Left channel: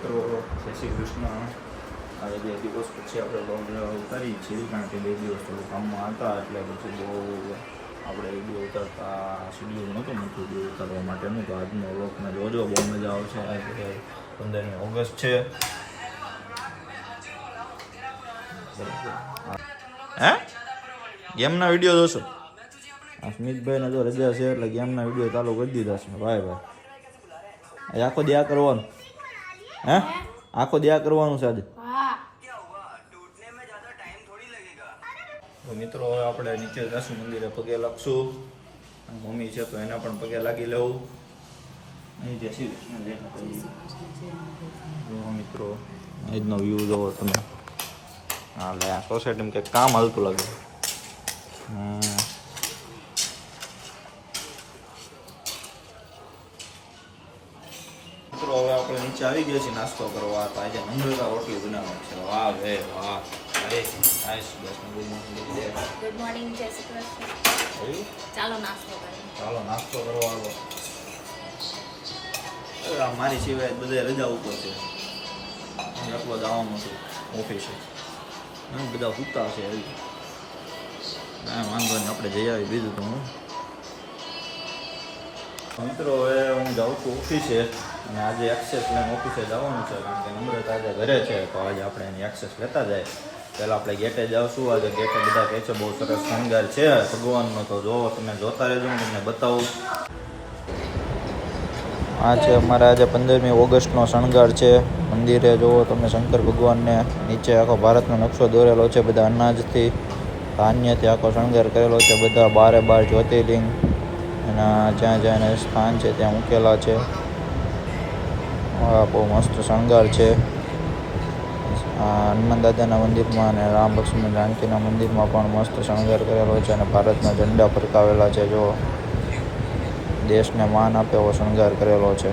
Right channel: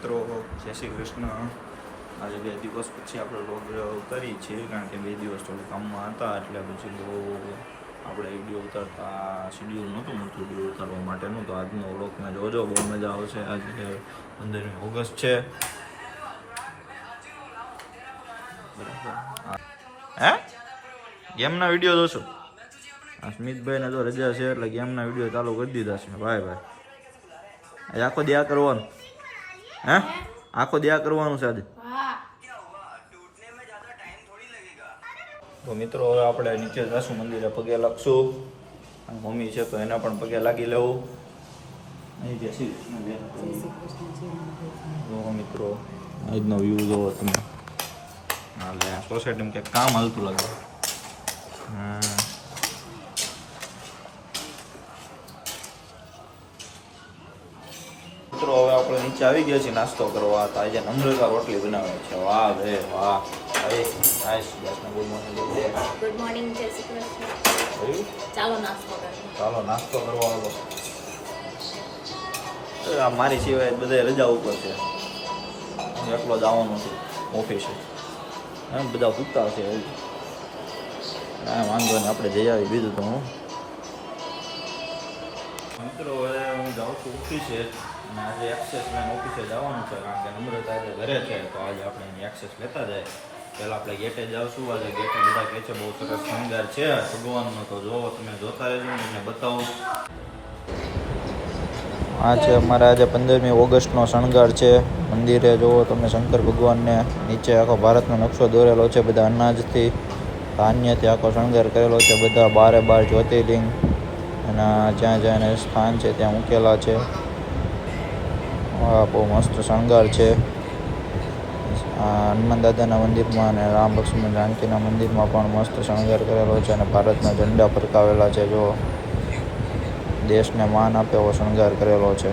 મિત્રો જય શ્રી કૃષ્ણ. આજે 2 દિવસ પછી આપણે લોગ ઉતારી છીએ, કારણ કે 2 દિવસ થોડું કામમાં હતા, એટલે પછી બહુ આપણે વિડીયો ઉતારતા શેડ્યુલ નહોતું મળતું વિડીયો ઉતારવા માટેનું. તો આજનો વ્લોગ મેં જોજો, બહુ મજા આવશે. આજે 15મી ઓગસ્ટ છે. હે ગેમના વિડીયો જોશો? આ સ્મિતભાઈને જો રજા છે એટલે ગેમના વિડીયો ચાલુ કરી દીધા છે. ભાઈ આખો દિયા કરવાનું. હે આખો દિયા કરવાનું છે આજે. તો મિત્રો હવે આપણે નીચે જશું, મંદિરે પગે લાગશું. મમ્મી છે તો એને પણ પગે લાગી લેવું. અહીં જય શ્રી કૃષ્ણ મિત્રો, આજનો વ્યૂ જોવો તમે. હા લે સોસાયટીમાં કંઈક કામ હાલતું લાગે. મિત્રો હવે આપણે નીચે આવી ગયા છીએ નાસ્તો કરવા. તો આજે નમ્રતા રોટલી બનાવે છે. વાહ ભે વાહ. ગુડ મોર્નિંગ, જય શ્રી કૃષ્ણ. ચાલો નાસ્તો કરીએ. ચાલો નાસ્તો કરવા આવો. મારી સિવાય બધા રજા ઉપર છે, એકલો જવાનું છું ઓફિસે. બધા સૂતા છે. હા વાંધો નહીં, આપણે જઈ આવી. બીજું તો હું મિત્રો હવે હું જાઉં છું ઓફિસે, અને આજે એક્સેસ લઈને ઓફિસે જવાનું છે, કારણ કે નમ્રતા આજે ઘરે છે. તો આજે આપણે એની એક્સેસ લેતા જાય. પહેલાં આપણે ગેટે જાવશું. આજે ગેટે બધા કહે છે બહુ સરસ શણગાર છે ભગવાનનો. તો જો તમે જોતા રહેજો, હું તમને બતાવું. આ છે અમારે આજે 15મી ઓગસ્ટનો શણગાર છે. મંદિરે જુઓ તમે શંકર ભગવાનને. નીચે આખો ભારતનો નકશો દોરેલો છે, બધા અનાજથી ધાન્યથી આખો શણગાર કરેલો છે. બધા 12 જ્યોતિર્લિંગ એના જ્યાં જ્યાં એને સ્થાન છે ત્યાં મૂકેલા છે. બહુ મસ્ત શણગાર છે. હનુમાન દાદાના મંદિરમાં અને રામ લક્ષ્મણ જાનકીના મંદિરમાં પણ મસ્ત શણગાર કરેલો છે, અને ભારતના ઝંડા ફરકાવેલા છે. જો દેશને માન આપે એવો શણગાર કરેલો છે.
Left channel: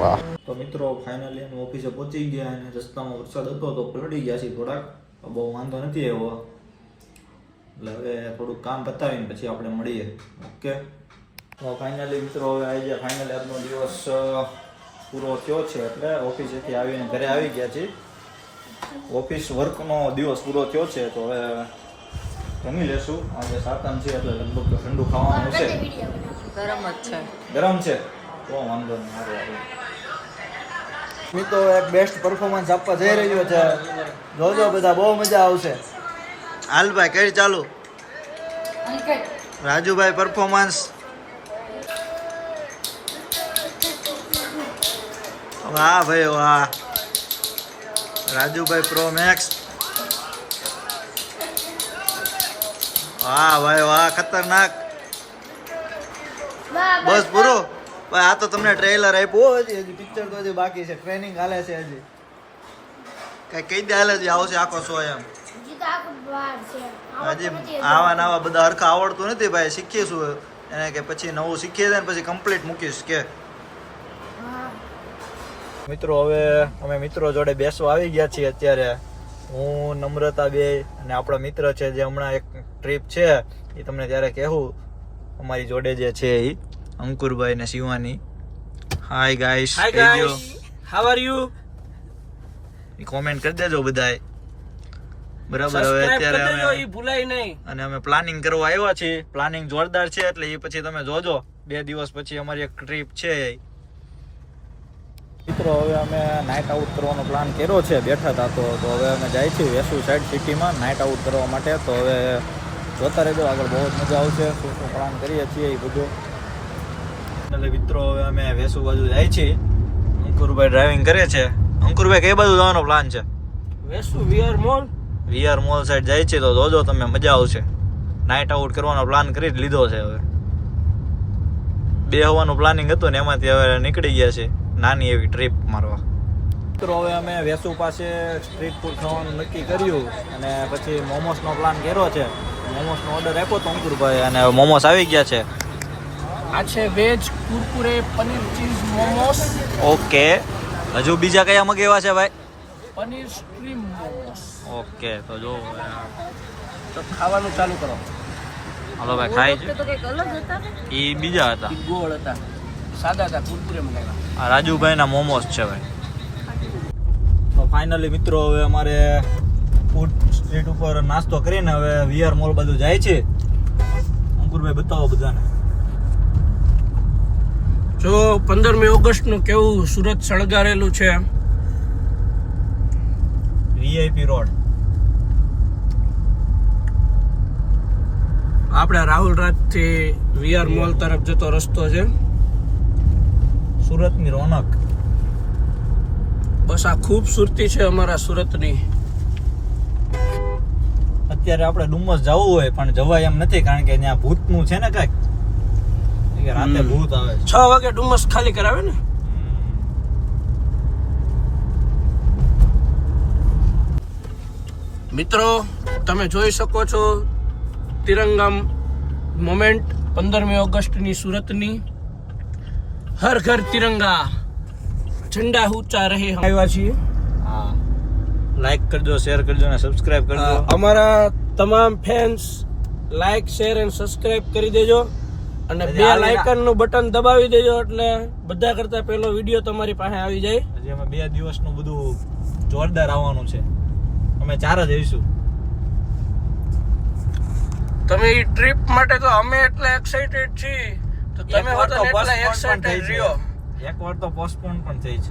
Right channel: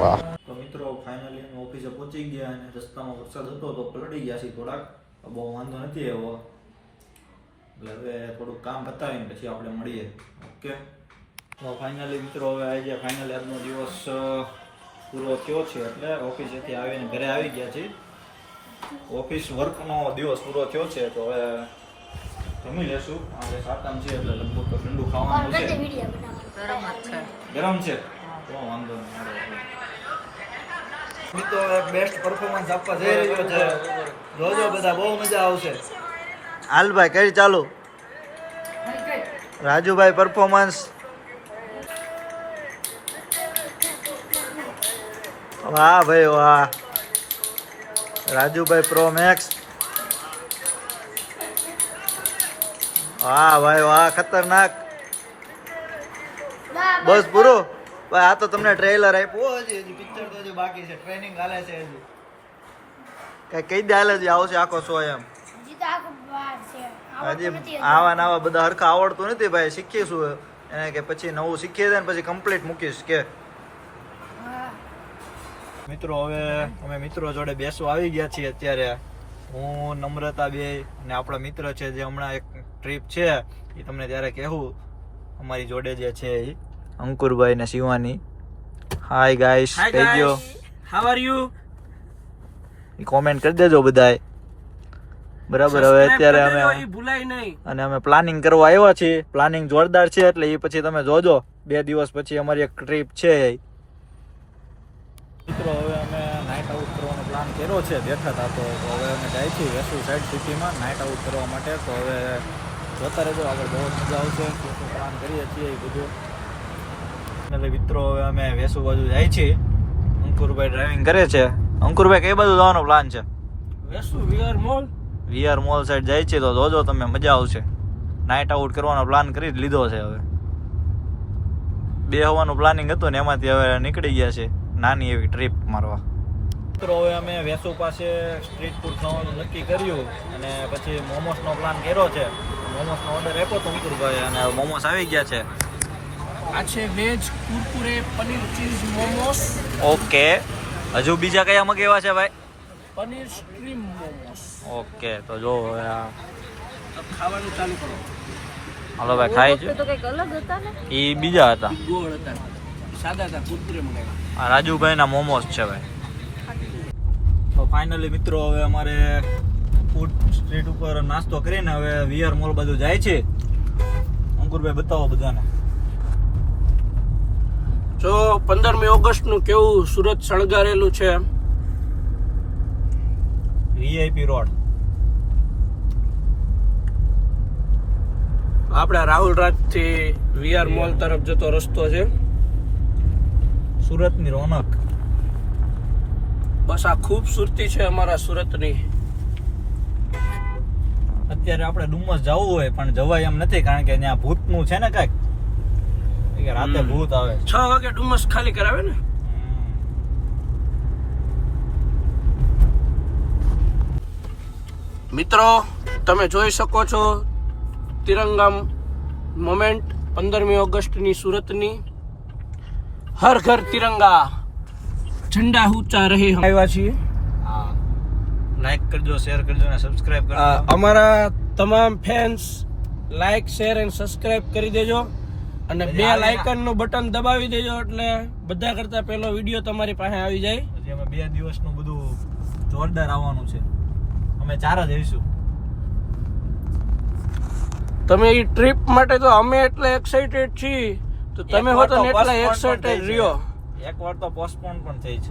વાહ. તો મિત્રો ફાઇનલી અમે ઓફિસે પહોંચી ગયા, અને રસ્તામાં વરસાદ હતો તો પલળી ગયા છીએ થોડાક. બહુ વાંધો નથી એવો. એટલે હવે થોડુંક કામ પતાવીને પછી આપણે મળીએ. ઓકે. તો ફાઇનલી મિત્રો હવે આજે ફાઇનલી આજનો દિવસ પૂરો થયો છે, એટલે ઓફિસેથી આવીને ઘરે આવી ગયા છીએ. ઓફિસ વર્કનો દિવસ પૂરો થયો છે. તો હવે જમી લેશું. આજે સાતમ છે એટલે લગભગ તો ઠંડુ ખાવાનું છે. ગરમ છે તો વાંધો નહીં. સારું આવે મિત્રો, એક બેસ્ટ પરફોર્મન્સ આપવા જઈ રહ્યો છે. જોજો બધા, બહુ મજા આવશે. હાલભાઈ કઈ ચાલુ. રાજુભાઈ પરફોર્મન્સ. વાહ ભાઈ વાહ. Rajubhai pro max. વાહ ભાઈ વાહ, ખતરનાક. બસ પૂરો ભાઈ. આ તો તમને ટ્રેલર આપ્યું. હજી પિક્ચર તો હજી બાકી છે. ટ્રેનિંગ હાલે છે હજી. કઈ કઈ દે હાલે છે આવશે આખો શો એમ. હજી આવા બધા હરખા આવડતું નથી ભાઈ. શીખીશું એને, કે પછી નવું શીખીએ જાય ને પછી કમ્પ્લીટ મૂકીશ કે. મિત્રો હવે અમે મિત્રો જોડે બેસવા આવી ગયા છીએ. અત્યારે હું, નમ્રતા બે અને આપણા મિત્ર છે જે હમણાં એક ટ્રીપ છે એ તમને ત્યારે કહેવું. અમારી જોડે જે છે એ અંકુરભાઈ ને શિવાની. હાય ગાઈસ, કહી દો હાઉ આર યુ. કોમેન્ટ કરી દેજો બધાય. બરાબર. હવે અત્યારે અમે ભૂલાય નહીં, અને અમે પ્લાનિંગ કરવા આવ્યા છીએ. પ્લાનિંગ જોરદાર છે, એટલે એ પછી તમે જોજો. 2 દિવસ પછી અમારી એક ટ્રીપ છે. મિત્રો હવે અમે નાઇટ આઉટ કરવાનો પ્લાન કર્યો છે. બેઠા હતા તો હવે અમે જાય છીએ વેસુ સાઈડ સિટીમાં નાઇટ આઉટ કરવા માટે. તો હવે જોતા રહેજો, આગળ બહુ જ મજા આવશે. શું પ્લાન કરીએ છીએ એ બધું. એટલે મિત્રો હવે અમે વેસુ બાજુ જાય છીએ. અંકુરભાઈ ડ્રાઇવિંગ કરે છે. અંકુરભાઈ કઈ બાજુ જવાનો પ્લાન છે? વેસુ વીઆર મોલ સાઈડ જાય છે. તો જોજો તમે, મજા આવશે. નાઇટ આઉટ કરવાનો પ્લાન કરી જ લીધો છે. હવે 2 હોવાનું પ્લાનિંગ હતું ને એમાંથી હવે નીકળી ગયા છે નાની એવી ટ્રીપ મારવા. મિત્રો હવે અમે વેસુ પાસે સ્ટ્રીટ ફૂડ ખાવાનું નક્કી કર્યું, અને પછી મોમોસનો પ્લાન કર્યો છે. મોમોસનો ઓર્ડર આપ્યો તો અંકુરભાઈ, અને મોમોસ આવી ગયા છે. આ છે veg Kurkure paneer cheese momos. Okay. હજુ બીજા કયા મગાવ્યા છે ભાઈ? પનીર સ્ટ્રીમ મોમોસ. ઓકે. તો જો ખાવાનું ચાલુ કરો. હાલો ભાઈ, ખાઈ છે. એ બીજા હતા. ગોળ હતા. સાદા હતા કુરકુરે મંગાવ્યા. આ રાજુભાઈના મોમોસ છે ભાઈ. તો ફાઇનલી મિત્રો હવે અમારે ફૂડ સ્ટ્રીટ ઉપર નાસ્તો કરીને હવે વીઆર મોલ બધું જાય છે. અંકુરભાઈ બતાવો બધાને. જો 15મી ઓગસ્ટનું કેવું સુરત શણગારેલું છે. VIP road. આપણે રાહુલ રાજથી વીઆર મોલ તરફ જતો રસ્તો છે. સુરતની રોનક. બસ આ ખૂબસૂરતી છે અમારા સુરતની. અત્યારે આપણે ડુમસ જવું હોય પણ જવાય એમ નથી કારણ કે ત્યાં ભૂતનું છે ને કાંઈક કે રાતે ભૂત આવે છે. 6 વાગે ડુમસ ખાલી કરાવે ને. મિત્રો તમે જોઈ શકો છો તિરંગા મોમેન્ટ 15મી ઓગસ્ટની સુરતની. હર ઘર તિરંગા ઝંડા ઊંચા રહે. આવ્યા છીએ. હા, લાઈક કરજો, શેર કરજો અને સબસ્ક્રાઇબ કરજો. અમારા તમામ ફેન્સ લાઈક શેર અને સબસ્ક્રાઇબ કરી દેજો અને બે લાઇકન નું બટન દબાવી દેજો એટલે બધા કરતા પહેલો વિડીયો તમારી પાસે આવી જાય. હજી અમે 2 દિવસનું બધું જોરદાર આવવાનું છે. અમે 4 જ જઈશું. તમે એ ટ્રીપ માટે તો અમે એટલે એક્સાઇટેડ છીએ તો તમે હો તો એટલા એક્સાઇટેડ રહ્યો. એકવાર તો પોસ્ટપોન પણ થઈ છે.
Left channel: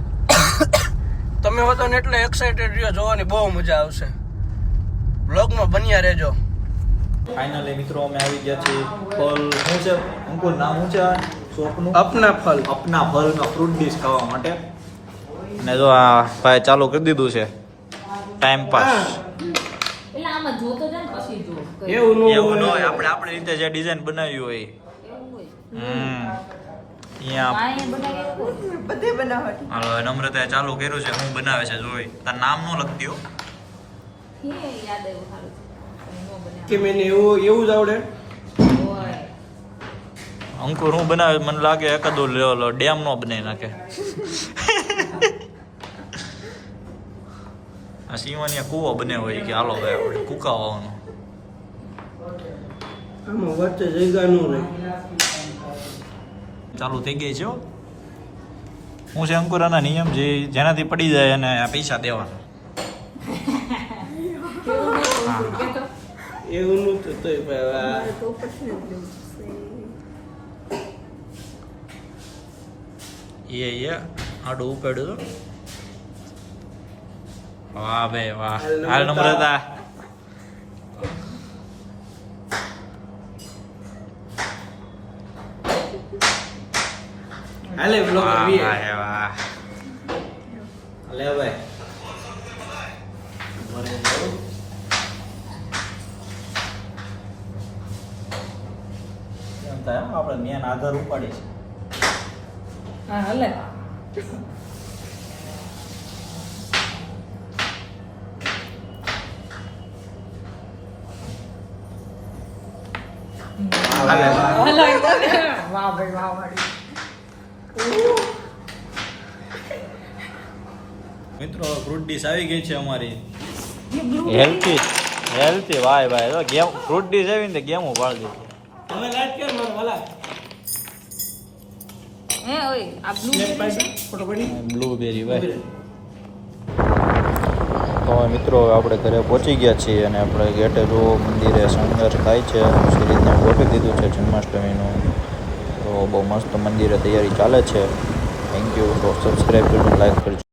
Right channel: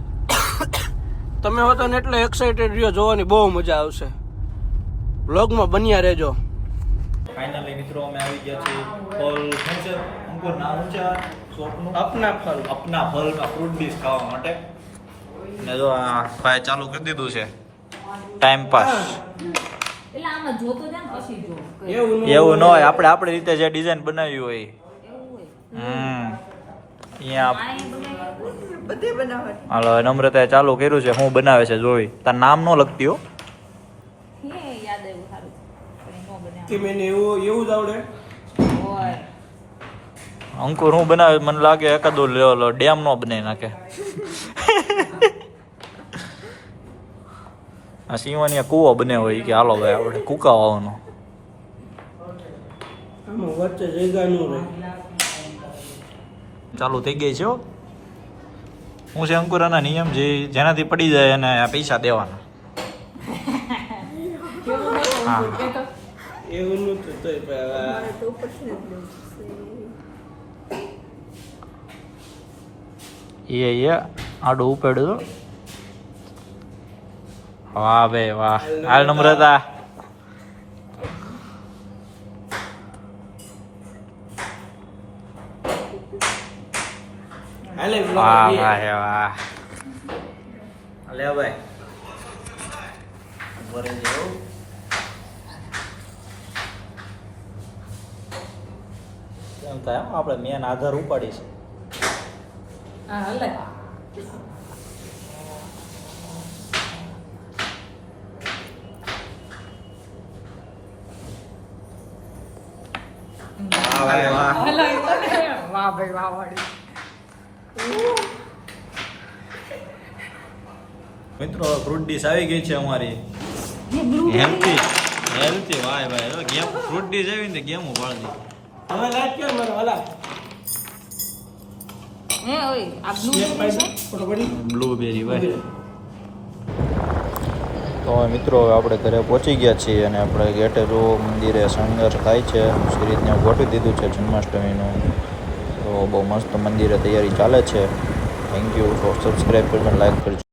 તમે હો તો એટલે એક્સાઇટેડ રહ્યો. જોવાની બહુ મજા આવશે. વ્લોગમાં બન્યા રહેજો. ફાઇનલી મિત્રો અમે આવી ગયા છીએ. ફલ શું છે અંકુર, નામ શું છે આ શોપનું? અપના ફલ. અપના ફલના ફ્રૂટ ડીશ ખાવા માટે. અને જો આ ભાઈ ચાલુ કરી દીધું છે ટાઈમ પાસ. એટલે આમાં જોતો જાય ને પછી જો એવું એવું ન હોય, આપણે આપણી રીતે જે ડિઝાઇન બનાવી હોય. એવું હોય અહીંયા આય બનાવી હાલો નમ્રતાએ ચાલુ કર્યું છે. શું બનાવે છે જોઈ. તાર નામ ન લખતી હો. હે યાદ આવ્યું સારું નો બનાવ કે મેને એવું જ આવડે. હોય અંકુર શું બનાવે મને લાગે એકાદો ડેમ નો બનાવી નાખે. આ સિંવાની કૂવો બને હોય કે હાલો ભાઈ આપણે કૂકા વાવવાનો. આમાં વચ્ચે જગ્યા નું રહે. ચાલુ થઈ ગઈ છે હો. હું છે અંકુરાના નિયમ જેનાથી પડી જાય એને પૈસા દેવાના. હા એવું નું તો તોય એ આડું ઉપાડ્યું. વાહ ભાઈ વાહ. હાલ નમ્રતા. હાલે વાહ વાહ વાહ. લે ભાઈ ભરે જાઓ. કેમ થાય આપણે મેન આધાર ઉપાડી છે. હા હલે મિત્રો ફ્રૂટ ડીશ આવી ગઈ છે અમારી. હેલ્થી વાય ભાઈ. ગેમ ફ્રૂટ ડીશ આવી ને ગેમો પાડી દીધી. હવે લાઈટ કર મને વાલા. હે ઓય આ બ્લુ ફોટો પડી. બ્લુબેરી ભાઈ. તો મિત્રો આપણે ઘરે પહોંચી ગયા છીએ અને આપણે ગેટે જો મંદિરે સંઘર્ષ થાય છે. સિરીજને ગોઠવી દીધું છે જન્માષ્ટમીનું. તો બહુ મસ્ત મંદિરે તૈયારી ચાલે છે. Thank you. સબસ્ક્રાઈબ કરજો, લાઈક કરજો.